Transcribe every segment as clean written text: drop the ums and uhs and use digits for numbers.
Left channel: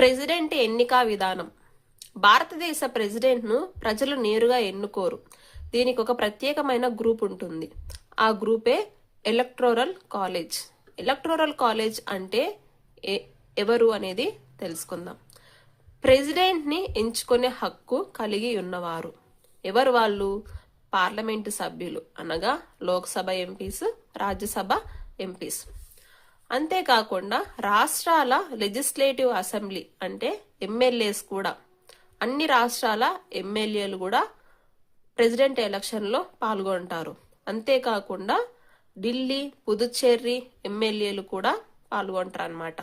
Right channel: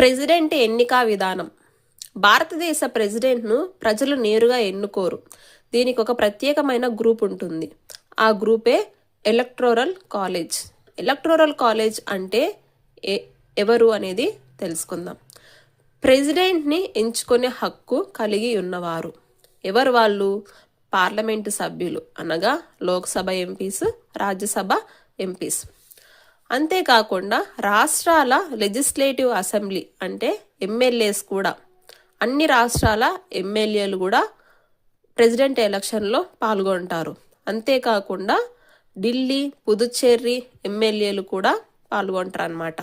President ఎన్నిక విధానం. భారతదేశ ప్రెసిడెంట్ను ప్రజలు నేరుగా ఎన్నుకోరు. దీనికి ఒక ప్రత్యేకమైన గ్రూప్ ఉంటుంది. ఆ గ్రూపే ఎలక్టోరల్ కాలేజ్. ఎలక్టోరల్ కాలేజ్ అంటే ఎవరు అనేది తెలుసుకుందాం. ప్రెసిడెంట్ని ఎంచుకునే హక్కు కలిగి ఉన్నవారు. ఎవరు వాళ్ళు? పార్లమెంటు సభ్యులు, అనగా లోక్సభ ఎంపీస్, రాజ్యసభ ఎంపీస్. అంతేకాకుండా రాష్ట్రాల లెజిస్లేటివ్ అసెంబ్లీ అంటే ఎమ్మెల్యేస్ కూడా, అన్ని రాష్ట్రాల ఎమ్మెల్యేలు కూడా ప్రెసిడెంట్ ఎలక్షన్లో పాల్గొంటారు. అంతేకాకుండా ఢిల్లీ, పుదుచ్చేరి ఎమ్మెల్యేలు కూడా పాల్గొంటారు అన్నమాట.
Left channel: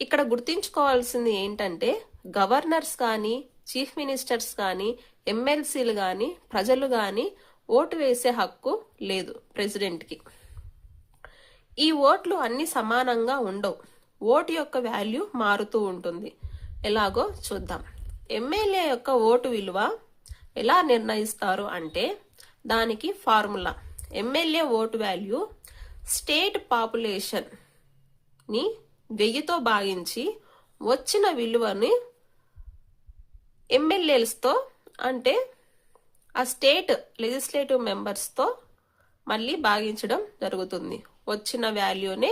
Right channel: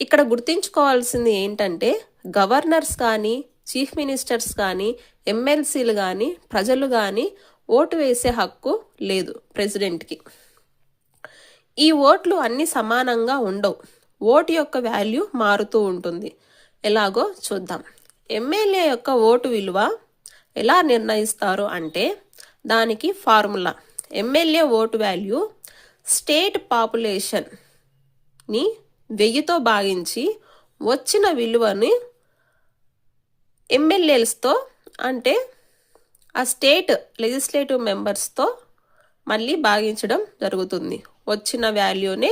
ఇక్కడ గుర్తుంచుకోవాల్సింది ఏంటంటే గవర్నర్స్ కానీ, చీఫ్ మినిస్టర్స్ కానీ, ఎమ్మెల్సీలు కానీ, ప్రజలు కానీ ఓటు వేసే హక్కు లేదు ప్రెసిడెంట్కి. ఈ ఓట్లు అన్ని సమానంగా ఉండవు. ఓటు యొక్క వాల్యూ మారుతూ ఉంటుంది. ఎలాగో చూద్దాం. ఎమ్మెల్యే యొక్క ఓటు విలువ ఎలా నిర్ణయిస్తారు అంటే దానికి formula. MLA vote value state పాపులేషన్ని 1000తో భాగించి వచ్చిన విలువని ఎమ్మెల్యేలతో అంటే ఆ స్టేట్ లెజిస్లేటివ్ మెంబర్స్తో మళ్ళీ భాగించడం జరుగుతుంది. వచ్చిన వాల్యూనే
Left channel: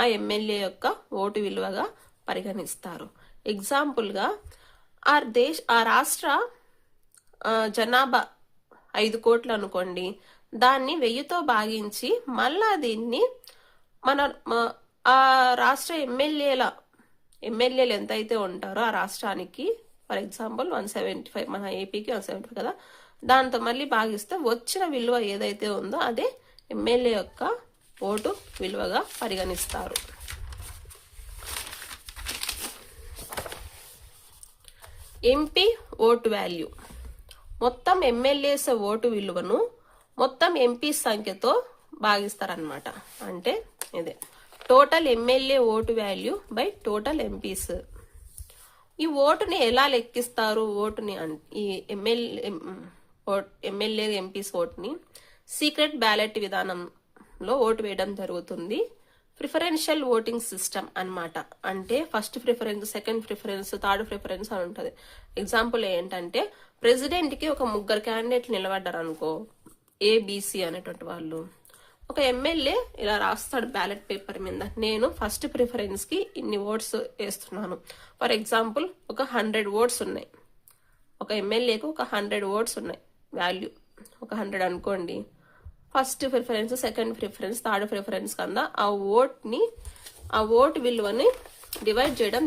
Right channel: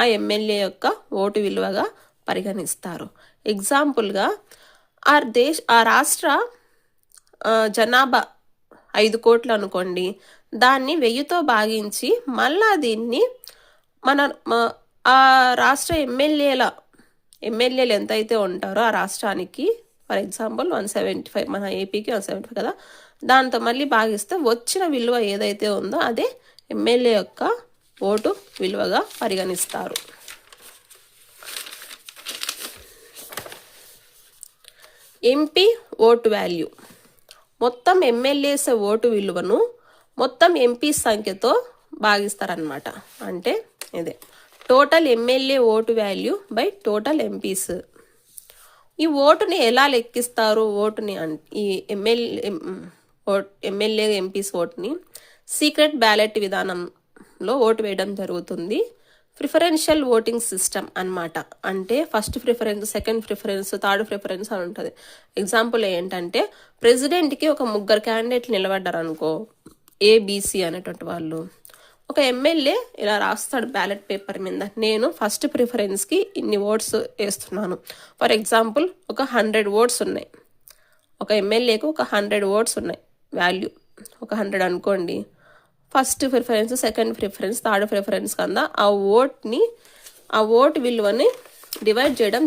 ఆ ఎమ్మెల్యే యొక్క ఓటు విలువగా పరిగణిస్తారు. ఎగ్జాంపుల్గా ఆ రాష్ట్ర జనాభా 5 కోట్లు అనుకోండి. దాన్ని 1000తో భాగించి మళ్ళా దీన్ని ఆ రాష్ట్ర ఎమ్మెల్యేలు ఎంతైతే ఉంటారో ఆ రాష్ట్రానికి, ఫర్ ఎగ్జాంపుల్ 175, మన ఏపీకి 175 కదా, దాంతో మళ్ళీ భాగిస్తే వచ్చిన విలువ ఏదైతే ఉందో అదే ఎమ్మెల్యే యొక్క ఓటు విలువగా పరిగణిస్తారు. MP vote value. మొత్తం ఎమ్మెల్యేస్ ఓటు విలువను మొత్తం ఎంపీ సంఖ్యతో భాగిస్తారనమాట. అంటే ఇదే total MLA vote value by total MPs. ఈ ఓటుని ఎలా లెక్కిస్తారు? ఈ ఎమ్మెల్యే ఎంపీస్ ఓటుని సీక్రెట్ బ్యాలెట్ విధానంలో ఓటు వేయడం జరుగుతుంది. ప్రిఫరెన్షియల్ ఓటింగ్ సిస్టమ్ అన్నమాట. అంటే first preference, second preference, third preference అని ఉంటుంది. ఎగ్జాంపుల్ ఏంటంటే ప్రెసిడెంట్కి ఒక 3 క్యాండిడేట్లు నిలబడ్డారు అనుకో, ఏబిసి అనేటువంటి వాళ్ళు. ఒక ఎమ్మెల్యే ఇలా రాస్తాడు బ్యాలెట్ పేపర్ మీద, నేను ఫస్ట్ ప్రిఫరెన్స్కి ఇన్ని ఓట్స్ వేస్తున్నాను. ఫర్ ఎగ్జాంపుల్ ఒక 100 ఓట్స్ ఉన్నాయి. ఒక ఎమ్మెల్యేకు ఒక 100 ఓట్స్ ఉన్నాయి వాల్యూ, ఒక 100 అనుకోండి. First preference, second preference, third preference కింద ఆ ఓటు విలువని డివైడ్ చేయడం